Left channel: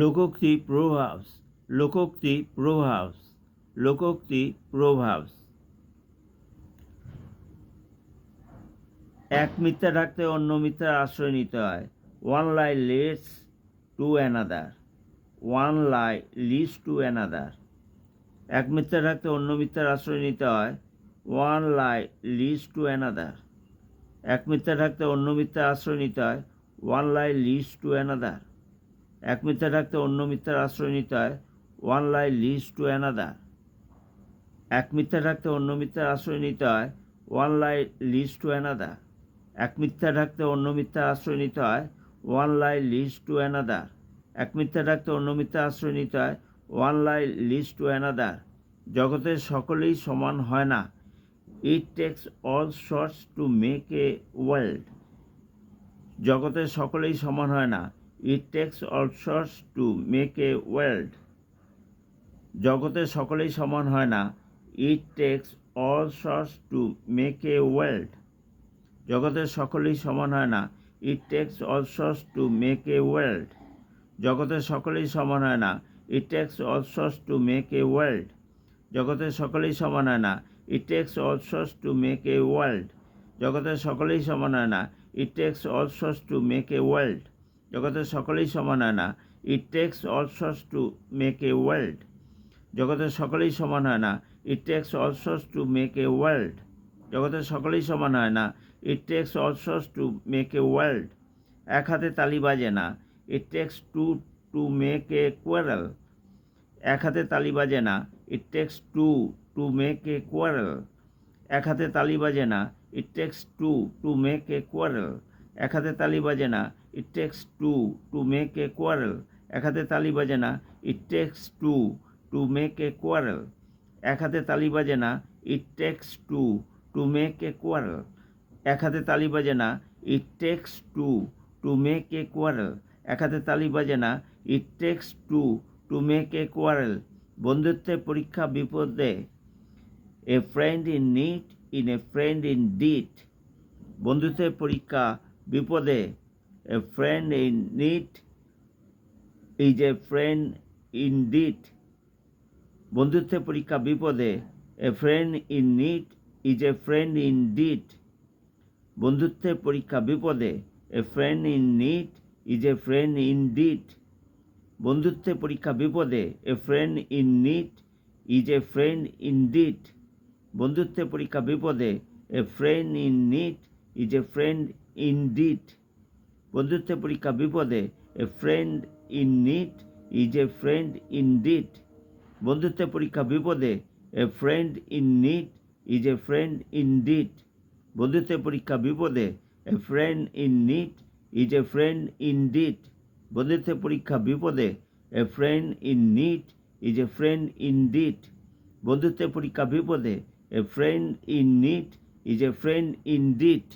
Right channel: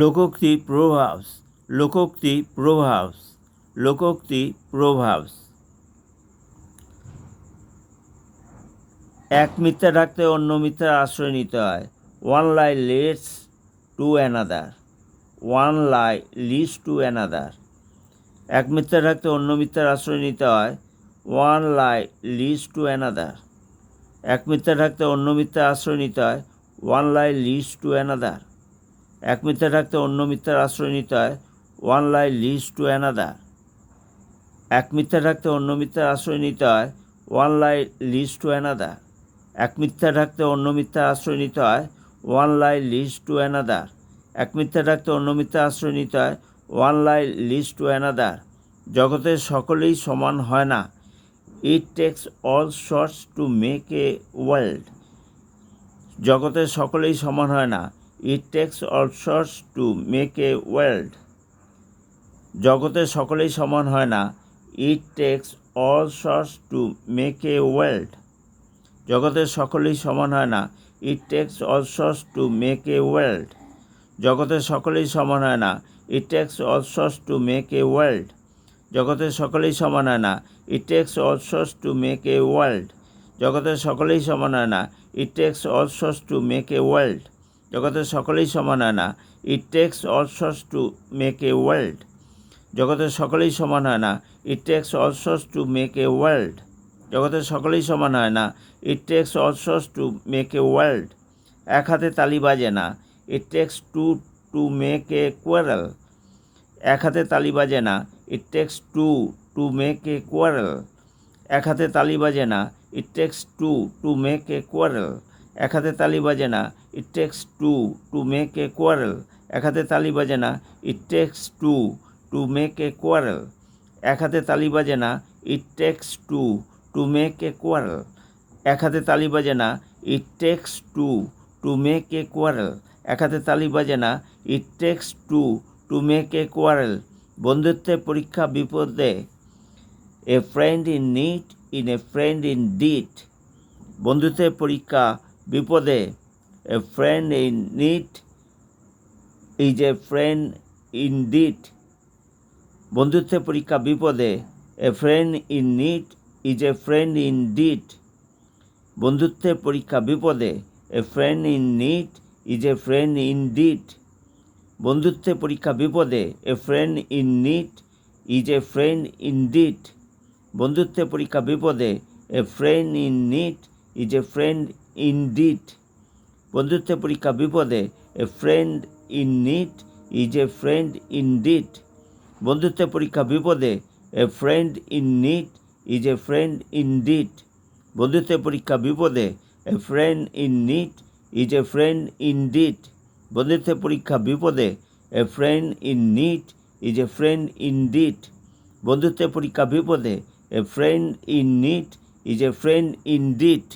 লোকোক্তি প্রভাবস, লোকোক্তি প্রভাবস, লোকোক্তি প্রভাবস। এক মিথ্যা ঢাকতে অন্য মিথ্যার আশ্রয় নিতে হয়। One lie leads to another, one lie leads to another. এক মিথ্যা ঢাকতে অন্য মিথ্যার আশ্রয় নিতে হয়। One lie leads to another. এক মিথ্যা ঢাকতে অন্য মিথ্যার আশ্রয় নিতে হয়। One lie leads to another. এক মিথ্যা ঢাকতে অন্য মিথ্যার আশ্রয় নিতে হয়। One lie leads to another. এক মিথ্যা ঢাকতে অন্য মিথ্যার আশ্রয় নিতে হয়। One lie leads to another. এক মিথ্যা ঢাকতে অন্য মিথ্যার আশ্রয় নিতে হয়। One lie leads to another. এক মিথ্যা ঢাকতে অন্য মিথ্যার আশ্রয় নিতে হয়। One lie leads to another. জগতের সকলেই সমান হয় না। It takes all sorts to make a world. জগতের সকলেই সমান হয় না। It takes all sorts to make a world. জগতের সকলেই সমান হয় না। It takes all sorts to make a world. জগতের সকলেই সমান হয় না। It takes all sorts to make a world. জগতের সকলেই সমান হয় না। It takes all sorts to make a world. জগতের সকলেই সমান হয় না। It takes all sorts to make a world. জগতের সকলেই সমান হয় না। It takes all sorts to make a world. জগতের সকলেই সমান হয় না। It takes all sorts to make a world. জগতের সকলেই সমান হয় না। It takes all sorts to make a world. জগতের সকলেই সমান হয় না। It takes all sorts to make a world. এক হাতে তালি বাজে না। It takes two to make a quarrel. এক হাতে তালি বাজে না। It takes two to make a quarrel. এক হাতে তালি বাজে না। It takes two to make a quarrel. এক হাতে তালি বাজে না। It takes two to make a quarrel. এক হাতে তালি বাজে না। It takes two to make a quarrel. এক হাতে তালি বাজে না। It takes two to make a quarrel. এক হাতে তালি বাজে না। It takes two to make a quarrel. এক হাতে তালি বাজে না। It takes two to make a quarrel. বন্ধুত্বের পরীক্ষা বিপদে। A friend in need in a friend in deed. বন্ধুত্বের পরীক্ষা বিপদে। A friend in need is a friend in deed. বন্ধুত্বের পরীক্ষা বিপদে। A friend in need is a friend in deed. বন্ধুত্বের পরীক্ষা বিপদে। A friend in need is a friend in deed. বন্ধুত্বের পরীক্ষা বিপদে। A friend in need is a friend in deed. বন্ধুত্বের পরীক্ষা বিপদে। A friend in need is a friend in deed. বন্ধুত্বের পরীক্ষা বিপদে। A friend in need is a friend in deed. বন্ধুত্বের পরীক্ষা বিপদে। A friend in need is a friend in deed. বন্ধুত্বের পরীক্ষা বিপদে। A friend in need is a friend in deed. বন্ধুত্বের পরীক্ষা বিপদে। A friend in need is a friend in deed. বন্ধুত্বের পরীক্ষা বিপদে। A friend in need is a friend in did.